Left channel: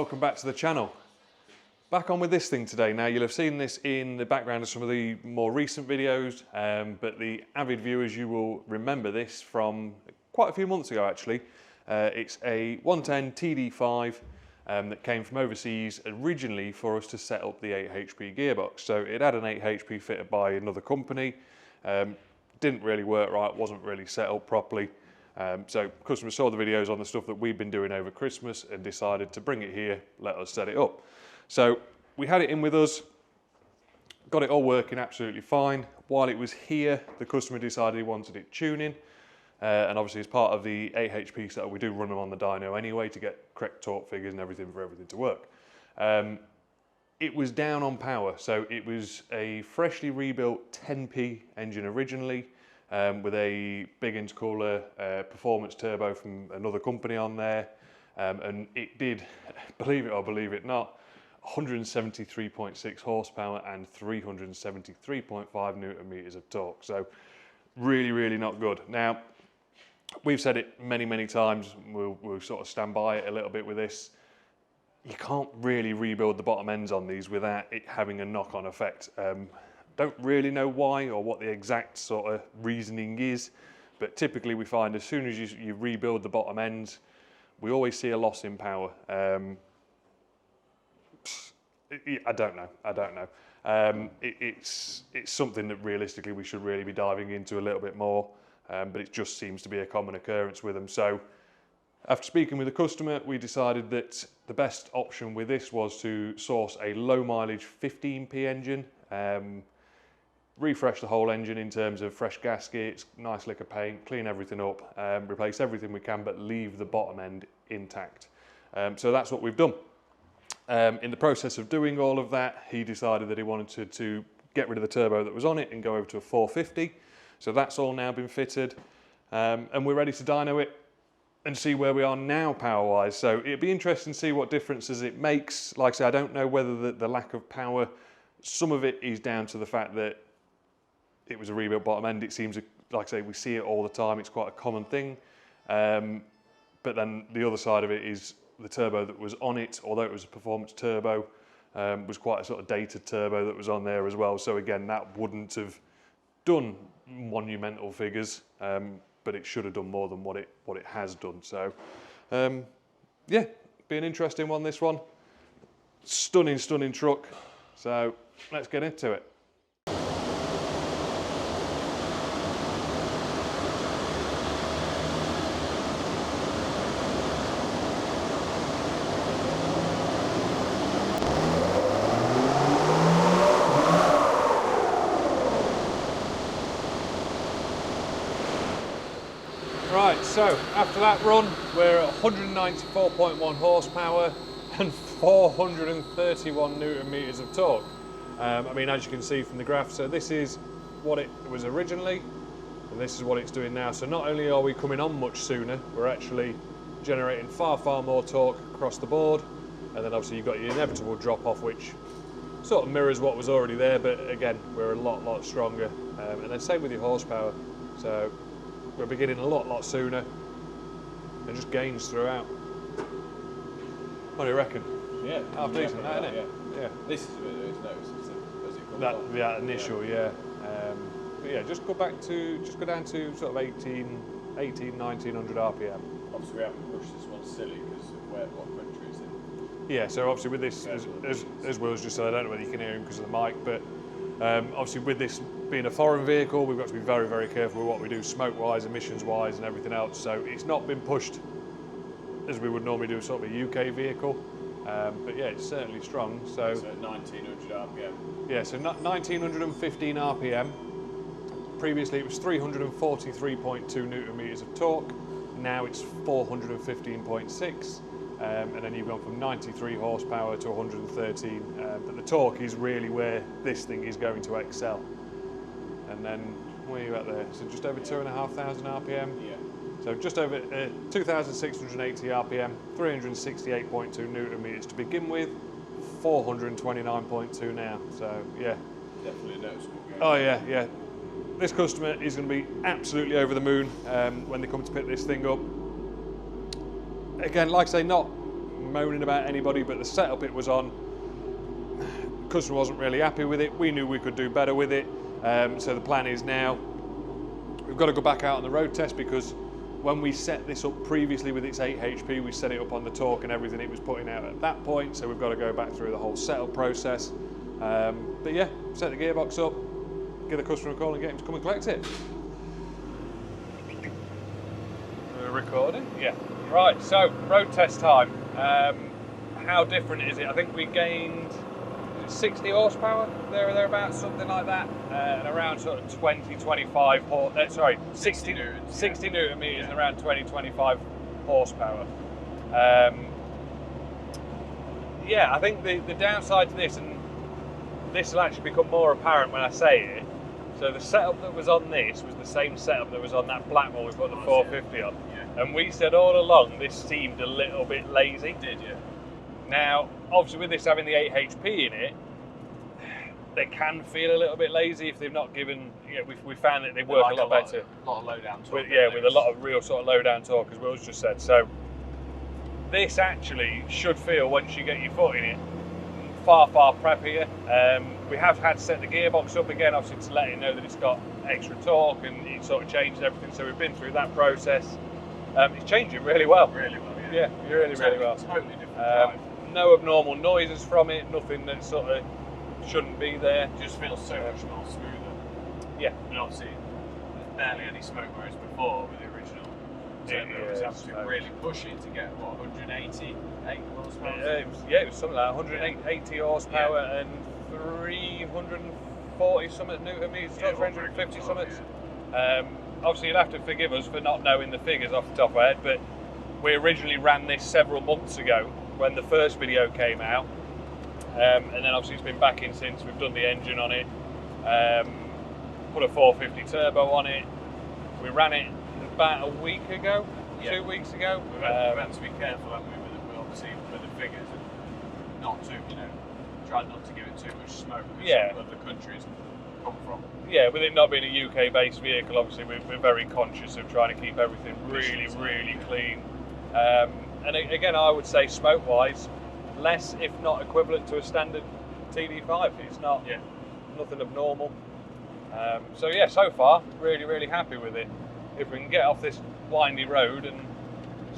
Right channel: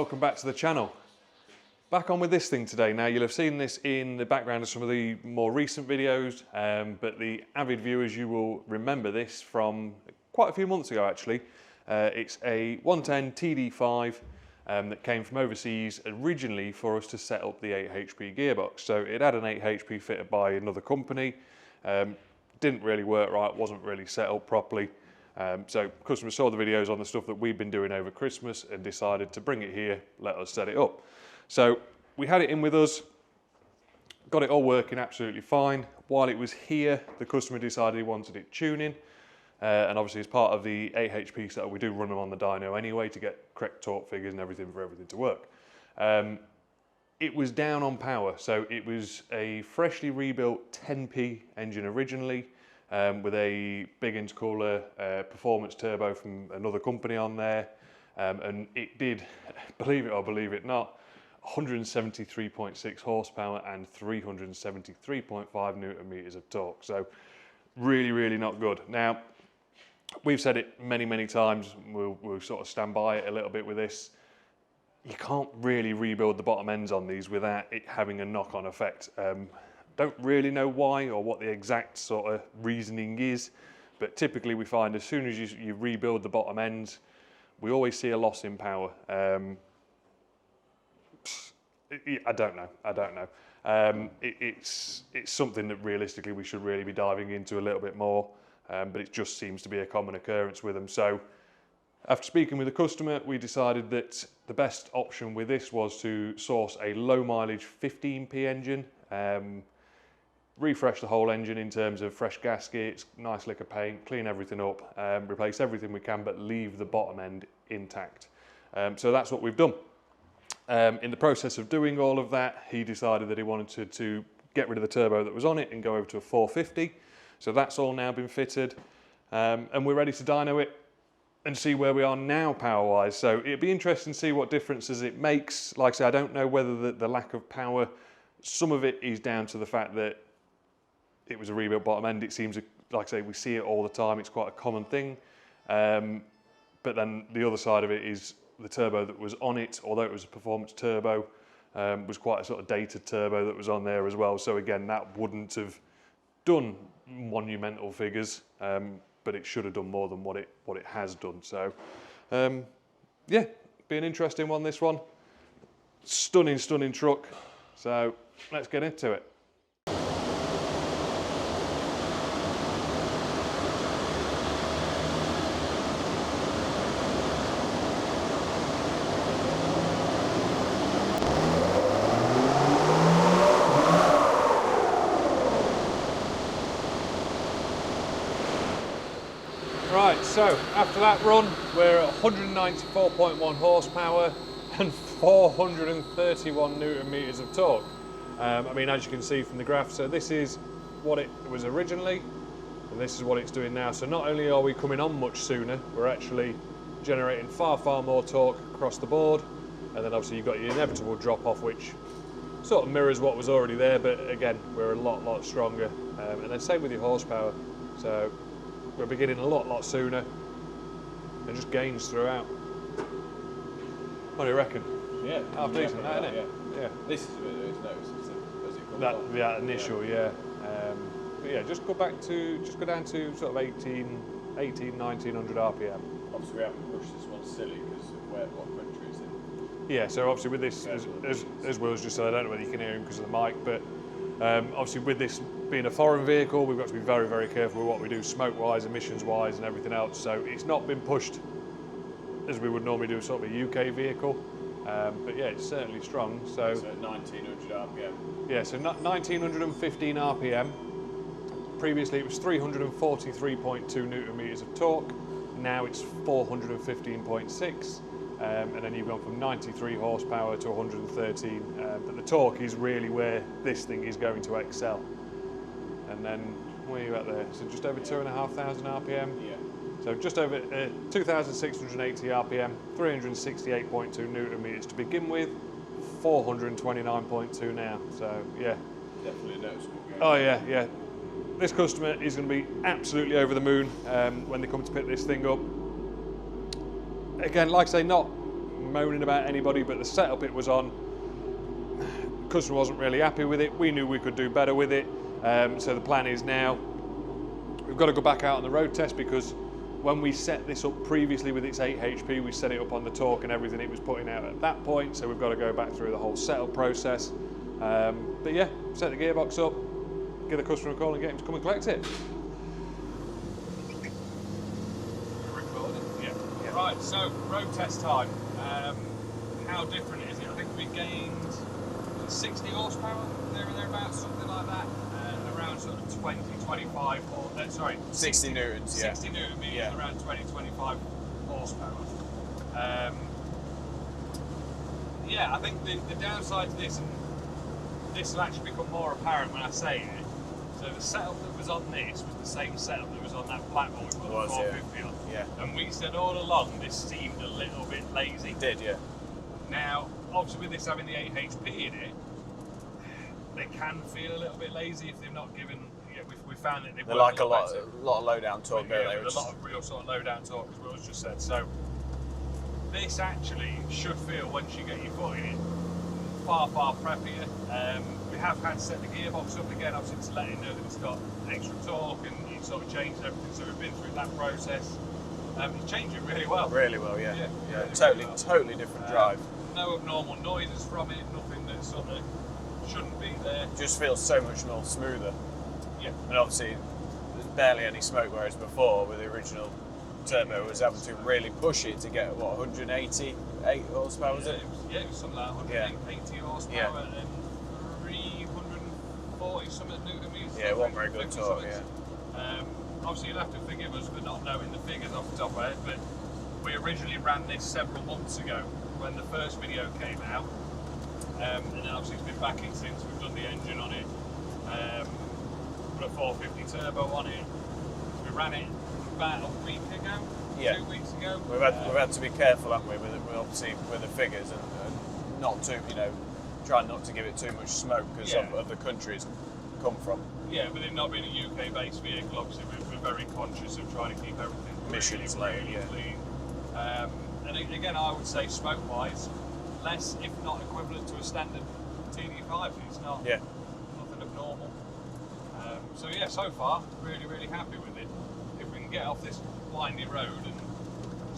welcome back to the channel. Back on with this thing today. Now you'll have seen this in the background of some of the more recent videos, but the avid viewers, you will remember this from quite a few months ago actually. It's a 110 TD5 that came from overseas originally for us to set up the 8HP gearbox. So it had an 8HP fitted by another company, didn't really work right, wasn't really set up properly. So customers saw the videos on the stuff that we've been doing over Christmas and decided to bring it here, let us set it up. So we had it in with us, got it all working absolutely fine. While it was here, the customer decided he wanted it tuning. And obviously as part of the 8HP setup, we do run them on the dyno anyway to get correct torque figures and everything for everything to work. It was down on power, so it was a freshly rebuilt 10P engine originally, with a big intercooler performance turbo from another company on there, and it did, believe it or believe it not, 173.6 horsepower and 373.5 newton meters of torque. So really not good. Now we've said it many times, we'll sort of stand by it a little bit with this. You can't really rebuild the bottom ends on these without it having a knock-on effect. Don't really know why or what the exact sort of reasoning is, but typically we find as soon as you rebuild the bottom ends, we always see a loss in power. I don't know. It's something that realistically we should really be diving into a little bit more, but it just seems to be a common occurrence with them. So after speaking with the customer, we decided that the best option with this was to source a low mileage 15P engine, refresh the whole engine in terms of fresh gaskets, nice lick of paint, clean everything up, replace everything we can, but leave the bottom end intact. So that's what we've done. In the process of doing all of that, he decided that he wanted to get rid of the turbo that was on it and go over to a 450. So that's all now been fitted, and we're ready to dyno it and see where we are now power-wise. So it'd be interesting to see what differences it makes. Like I say, I don't know whether the lack of power, some of it is down to the fact that it was a rebuilt bottom end. It seems, like I say, we see it all the time. It's quite a common thing. But then the other side of it is the turbo that was on it, although it was a performance turbo, was quite a sort of dated turbo that was on there as well. So again, that wouldn't have done monumental figures, but it should have done more than what it has done. So yeah, be an interesting one, this one. Stunning truck. So let's get into it. Right, so after that run, we're at 194.1 horsepower and 431 newton meters of torque. I mean, as you can see from the graph, so this is what it was originally, and this is what it's doing now. So not only are we coming on much sooner, we're actually generating far more torque across the board, and then obviously you've got your inevitable drop off, which sort of mirrors what was already there, but again, we're a lot stronger. And then same with your horsepower. So we're beginning a lot sooner and just gains throughout. What do you reckon? Yeah, half decent, that, isn't it? Yeah. This is a bit notice as it comes on. That initial, yeah. But yeah, just go down to sort of 1900 RPM. Obviously, we haven't pushed this one silly because of what country it's in. Yeah, so obviously with this, as Will's just said, I don't know whether you can hear him because of the mic, but obviously with this being a foreign vehicle, we've got to be very careful with what we do smoke-wise, emissions-wise and everything else. So it's not been pushed as we would normally do sort of a UK vehicle. But yeah, it's certainly strong. So at 1900 RPM. Yeah, so 1915 RPM. Previously it was 343.2 newton meters of torque. Now it's 415.6. And then you've gone from 93 horsepower to 113. But the torque is really where this thing is going to excel. And then where are you at there? So just over 2,500 RPM. Yeah. So just over 2,680 RPM, 368.2 newton meters to begin with, 429.2 now. So yeah. Definitely noticeable. Oh yeah. This customer is going to be absolutely over the moon when they come to pick this thing up. Again, like I say, not moaning about anybody, but the setup it was on, the customer wasn't really happy with it. We knew we could do better with it. So the plan is now, we've got to go back out on the road test, because when we set this up previously with its 8HP, we set it up on the torque and everything it was putting out at that point, so we've got to go back through the whole setup process. But yeah, set the gearbox up, give the customer a call and get him to come and collect it. Recording? Yeah. Right, so road test time. How different is it? I think we gained 60 horsepower, there or thereabouts, something like that, and around sort of 20-25 60 newtons, 60 yeah. newton meters, Yeah. and around 20-25 horsepower. Yeah, I think the downside to this, and this will actually become more apparent when I say it, so the setup that was on this was the same setup that was on that black one we put the 450 on. Yeah. And we said all along this seemed a little bit lazy. It did, yeah. Now, obviously with this having the 8HP in it, they can feel a little bit lazy if they've not given, we found that they work like a lot better. A lot of low down torque. With a lot of real sort of low down torque, as Will's just said. So this actually should feel, once you get your foot in it, far, far preppier. We have had to set the gearbox up again, obviously to let it know that it's got extra torque, and it sort of changed everything, so we've been through that process. It's changing really well. Really well, yeah. Yeah, really, totally, really well. Totally different drive. No abnormal noises from it, nothing that sort of shouldn't be there. Just feels so much more smoother. Yeah. And obviously, there's barely any smoke, whereas before, with the original turbo, it was having to really push it to get, what, 188 horsepower? It was something like 180 horsepower and 340 something newton meters, 350 something. Obviously, you'll have to forgive us for not knowing the figures off the top of our head, but we originally ran this several months ago when the first video came out, and then obviously it's been back in since. We've done the engine on it, put a 450 turbo on it. We ran it about a week ago, 2 weeks ago. We've had to be careful, haven't we, with obviously with the figures, and not to, try not to give it too much smoke, because some of the countries come from. Yeah, with it not being a UK-based vehicle, obviously we're very conscious of trying to keep everything really clean. And again, I would say smoke-wise, less, if not equivalent to a standard TD5. It's not nothing abnormal. So yeah, so far, really happy with it. If we can get off this windy road and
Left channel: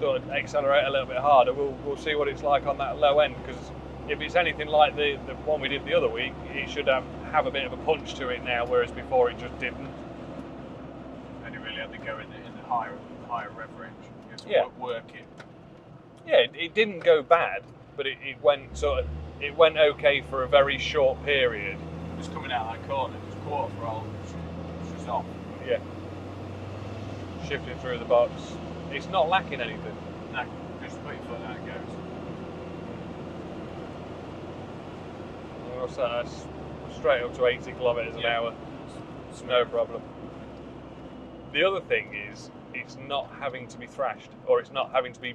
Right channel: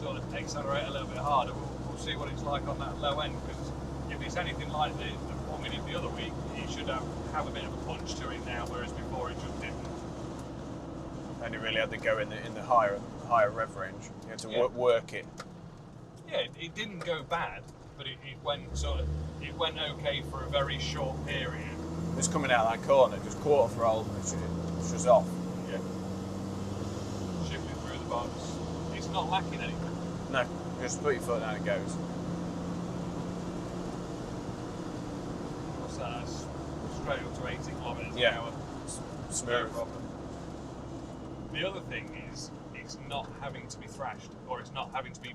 sort of accelerate a little bit harder, we'll see what it's like on that low end, because if it's anything like the one we did the other week, it should have a bit of a punch to it now, whereas before it just didn't. And you really had to go in the higher rev range. You had to work it. Yeah, it didn't go bad, but it went okay for a very short period. Just coming out of that corner, just quarter throttle, just off. Yeah. Shifting through the box. It's not lacking anything. No, just put your foot down, it goes. What's that? That's straight up to 80 kilometres an hour. No problem. The other thing is, it's not having to be thrashed, or it's not having to be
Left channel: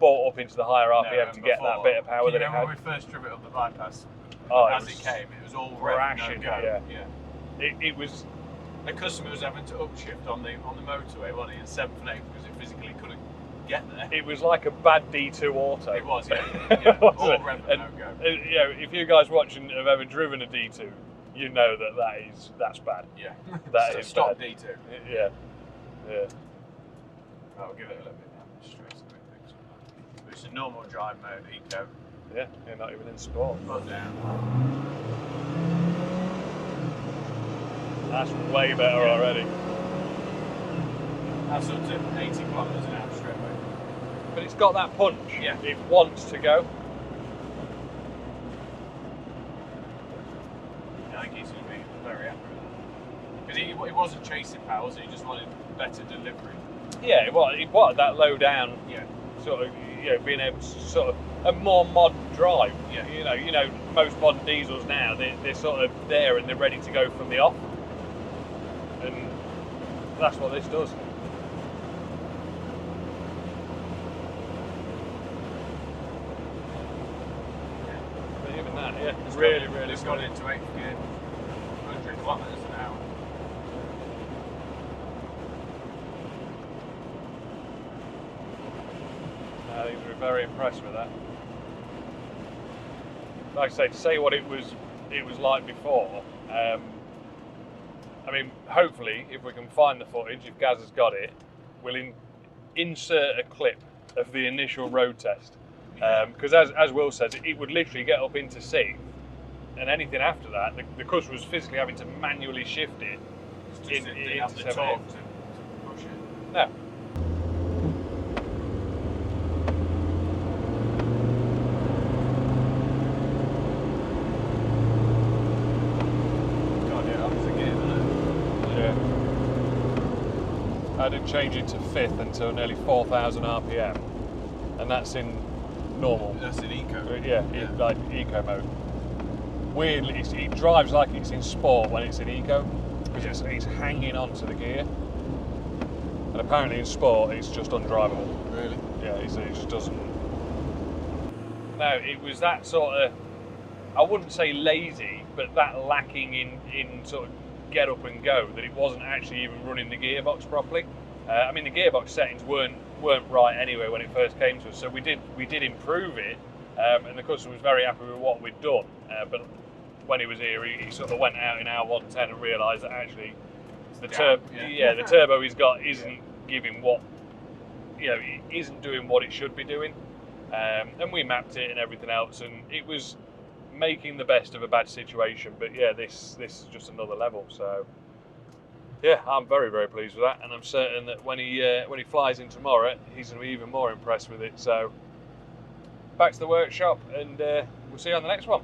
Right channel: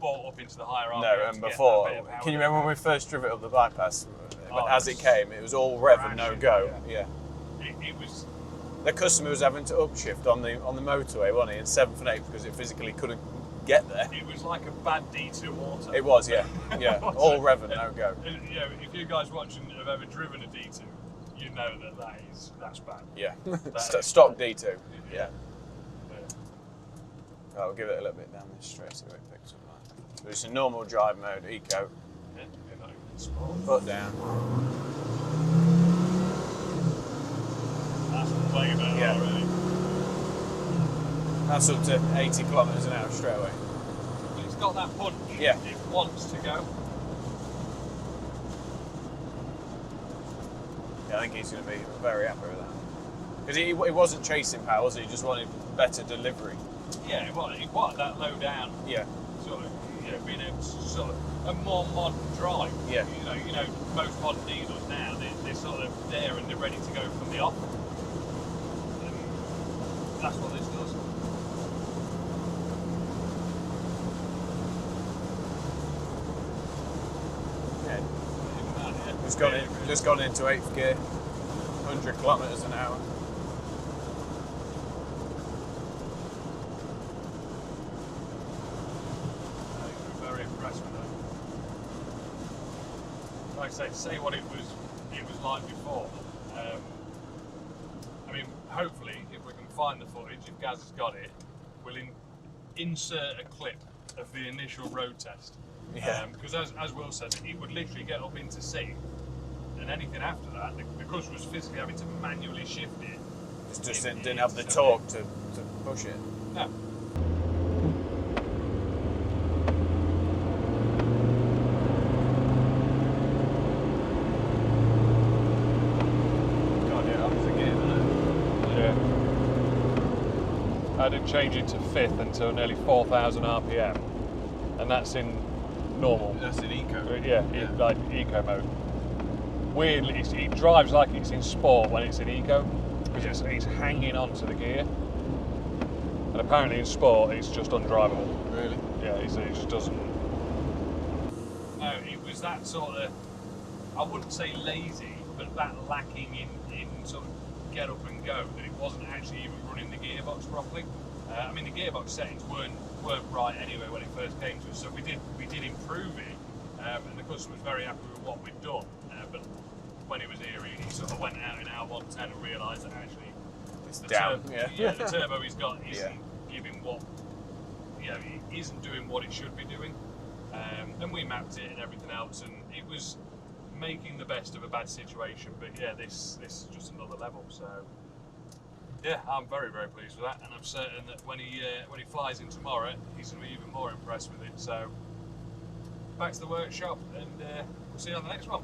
bought up into the higher RPM to get that bit of power. Can you remember when we first drove it up the bypass? As it came, it was all rev and no go. Yeah. It was. The customer was having to upshift on the motorway, wasn't he, in 7th and 8th, because it physically couldn't get there. It was like a bad D2 auto. It was, yeah. All rev and no go. If you guys watching have ever driven a D2, you know that's bad. Yeah. Stop D2. Yeah. Right, we'll give it a little bit down the straight so it picks up. But it's a normal drive mode, eco. Yeah, you're not even in sport. Foot down. That's way better already. That's up to 80 kilometres an hour straight away. But it's got that punch. Yeah. It wants to go. Yeah, I think he's going to be very happy with that. Because he wasn't chasing power, was he? He just wanted better delivery. Yeah, it wanted that low down. Yeah. Sort of, being able to sort of a more modern drive. Yeah. Most modern diesels now, they're sort of there and they're ready to go from the off. And that's what this does. But even that, It's gone into 8th gear, 100 kilometres an hour. I think we've very impressed with that. Like I say, to say what it was like before. I mean, hopefully, if we can find the footage, if Gaz has got it, we'll insert a clip of the initial road test. Because as Will says, it would literally get up into C, and anything after that, the customer was physically having to manually shift it. It just didn't have the torque to push it. No. I didn't change it to 5th until nearly 4,000 RPM, and that's in normal. That's in eco. Yeah, like eco mode. Weirdly, it drives like it's in sport when it's in eco, because it's hanging onto the gear. And apparently in sport, it's just undrivable. Really? Yeah, it just doesn't. No, it was that sort of, I wouldn't say lazy, but that lacking in sort of get up and go, that it wasn't actually even running the gearbox properly. I mean, the gearbox settings weren't right anyway when it first came to us, so we did improve it, and the customer was very happy with what we'd done. But when he was here, he sort of went out in our 110 and realised that actually the turbo he's got isn't giving what, it isn't doing what it should be doing. And we mapped it and everything else, and it was making the best of a bad situation. But yeah, this is just another level. So yeah, I'm very, very pleased with that, and I'm certain that when he flies in tomorrow, he's going to be even more impressed with it. So back to the workshop, and we'll see you on the next one.